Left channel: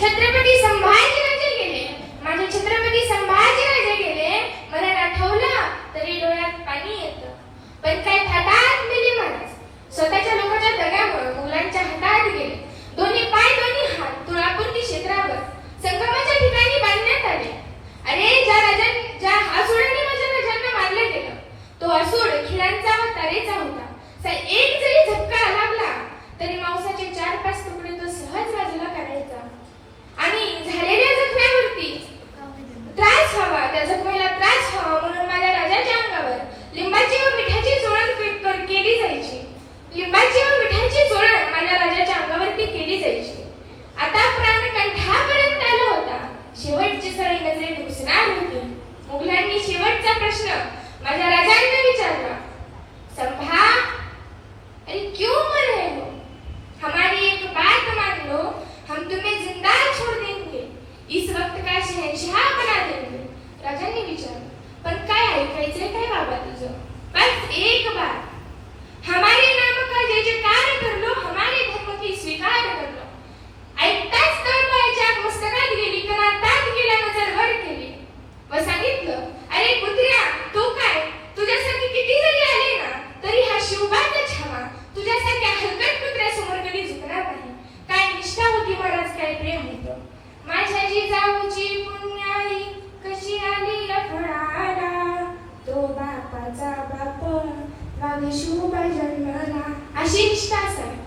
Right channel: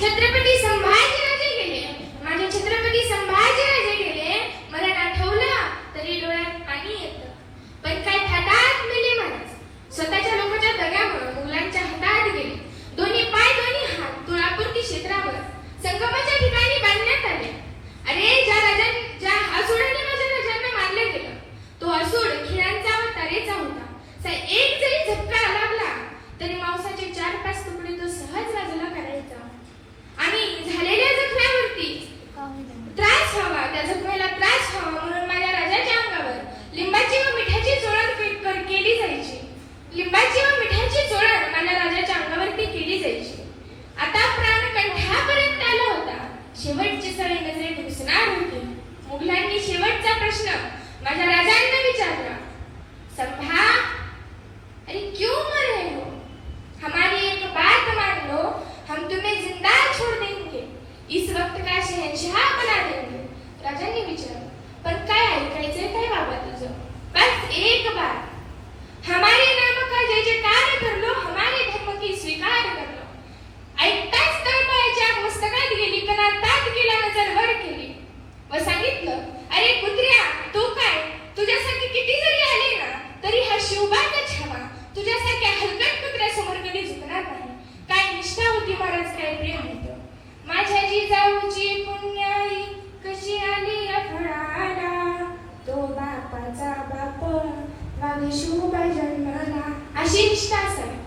छत्रपती संभाजीराजे गेले. माझे छत्रपती संभाजीराजे गेले. मला आठवलं तरी डोळ्यात पाणी येत. पण काय थाटात गेले महाराज स्वतःच्या लोकांच्या दगावर मुलांच्या हातात गेले. दोन्ही पाय दोन्ही हात तुळापूर क्षेत्रावर संगमाच्या ठिकाणी बांधण्यात आले. अरे ज्या राजा ज्या असुराने माझ्या राजांना मारलं गेलं तो असुर खिळांचा व तारेचा होता. एक जरी जखमेला त्रास व्हावा म्हणून माझ्या राजाच्या अंगावर लिंबाची व मिठाची चोळण के- केली जायची. लिंबाची व मिठाची चोळण माझ्या राजाच्या अंगावरती केली जायची. आता प्राण कंठापर्यंत आला होता. शेवटची सळी नजरे घुसणार होती. मुघलांनी शेवटचा प्रश्न माझ्या विचार. पण काय ऐकायचंय काय बाबा तुझं? बस एक बार. हमारे नाम का जय जयकार कर लो हमारे धर्म की स्वीकार कर लो ऐकताच तळपायाच्या मस्तकात गेली कना तात गेला नजर वर केली व सांगितलं अरे कुत्र्या तू काय? तुझ्यासाठी किती जरी आले ना तरी हा शिवबातच हवा तुझ्यासारख्या हलकट कुत्र्यासमोर कधी झुकणार नाही. काय निष्ठा होती महाराज काय प्रेम होतं. माझ्या जीजाऊची पुन्हा desculpa, Jane Guaraná. A gente está certo.